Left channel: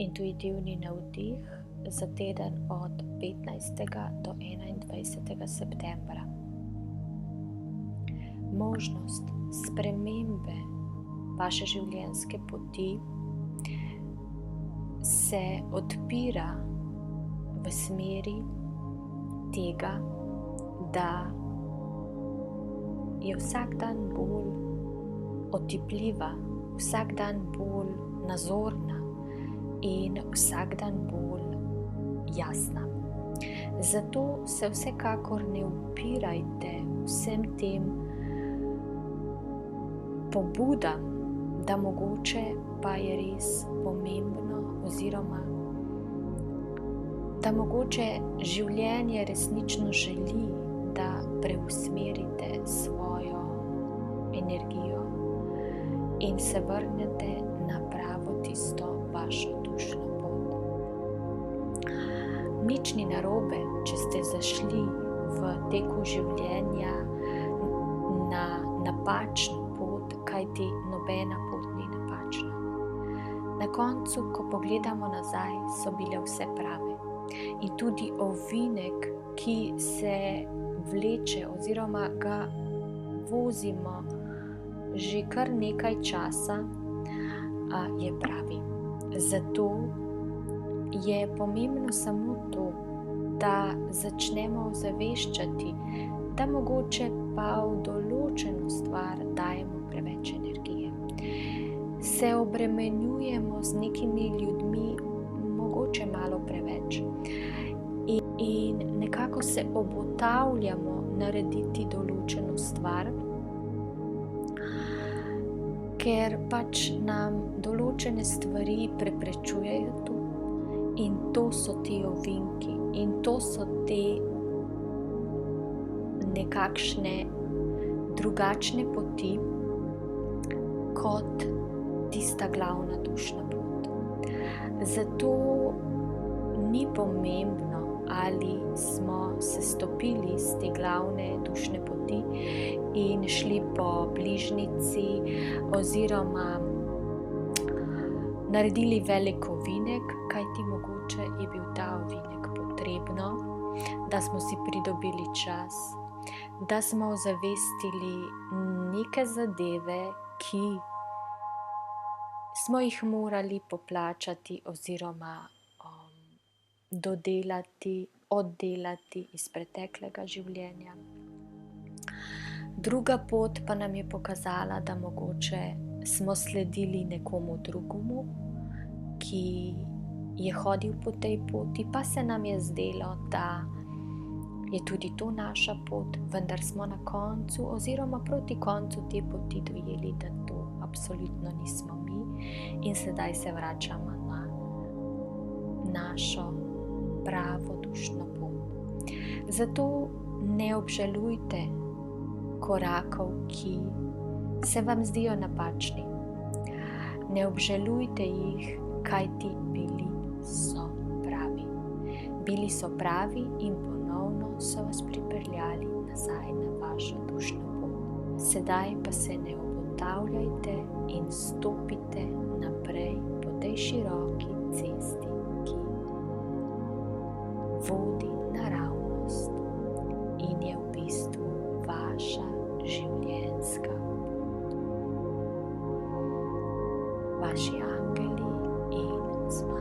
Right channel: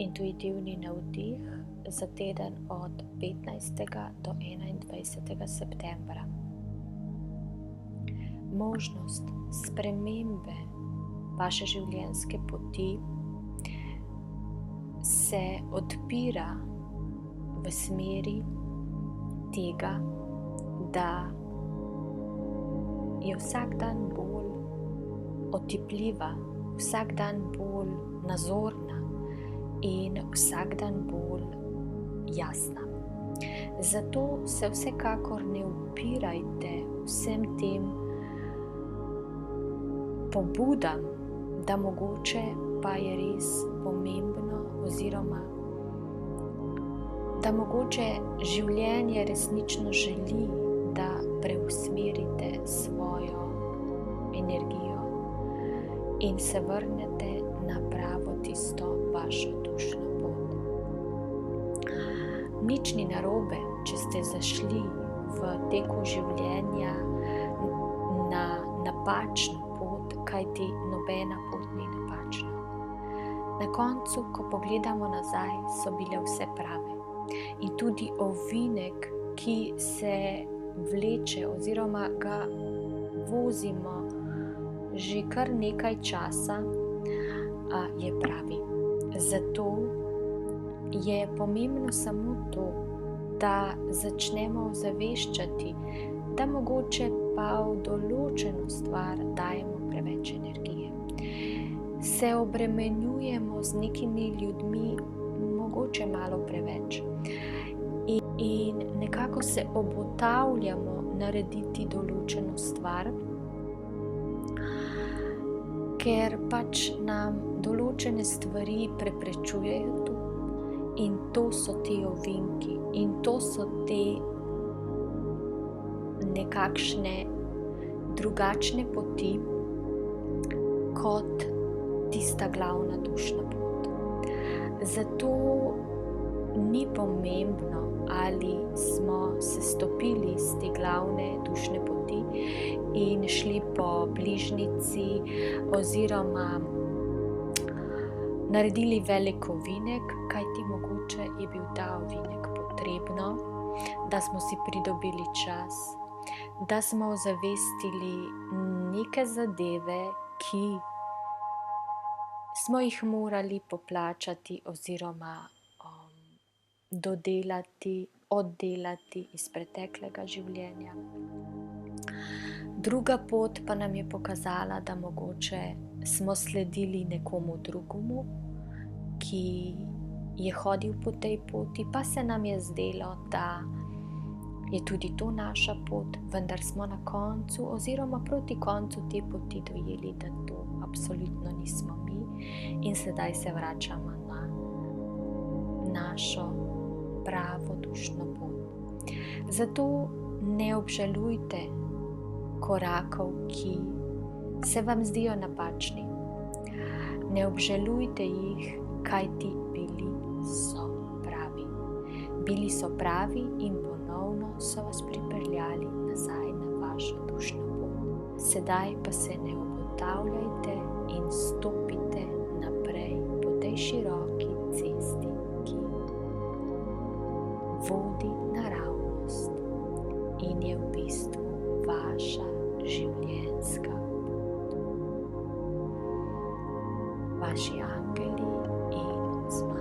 intuitivni navdih za teden od 15. do 21. septembra. Možnost spremembe vaše življenjske poti se odpira v smeri tega, da je vsak dan bolj otipljiva, vsak dan bolj nazorna in vsak dan bolj jasna. Zato se vsekakor ne upirajte vsem tem pobudam, da mogoče pa je res pomembno oziroma da mogoče življenje resnično želi, da preusmerite svojo energijo in se vrnete na pravo tisto vašo dušno pot. Nič ni narobe, če ste zašli v teku življenja na napačno pot, kajti nobena pot ni napačna. Na koncu, ko pogledamo nazaj, so bile vse prave. In tudi ovinek, ki se vleče oziroma ga vozimo že kar nekaj časa, je pravi. Zato je pomembno samo to, da začnemo ozaveščati, da mogoče pa v določeno stvar dajemo preveč energije. Se obremenjujemo z nekimi ljudmi mogoče malo preveč in nekako se obotavljamo narediti določeno stvar, ker pač nam določene stvari preprečujejo to. In to so ti ovinki in to so te nekakšne drugačne poti kot tista glavna dušna pot. Zato ni pomembno, ali smo se stopili z te glavne dušne poti in šli po bližnjici oziroma naredili velik ovinek, kajti mogoče je bil ta ovinek potrebno, da smo si pridobili čas, da smo ozavestili neke zadeve, ki smo jih morali poplačati oziroma dodelati, oddelati iz preteklega življenja. Druga pot pa nam je pokazala, da mogoče smo sledili nekomu drugemu, ki je hodil po tej poti, pa se nam je zdelo, da je tudi to naša pot, vendar smo na koncu oziroma proti koncu te poti dojeli, da to absolutno nismo mi in sedaj se vračamo na našo pravo dušno pot. Zato ne obžalujte korakov, ki se vam zdijo napačni. Ne obžalujte jih, kajti bili so pravi. Bili so pravi in ponovno so vas pripeljali nazaj na vašo dušno pot. Sedaj pa se ne obotavljajte in stopite naprej po tej široki cesti, ki vodi naravnost in je v bistvu vaša življenjska pot. Vaši angeli in zmaji.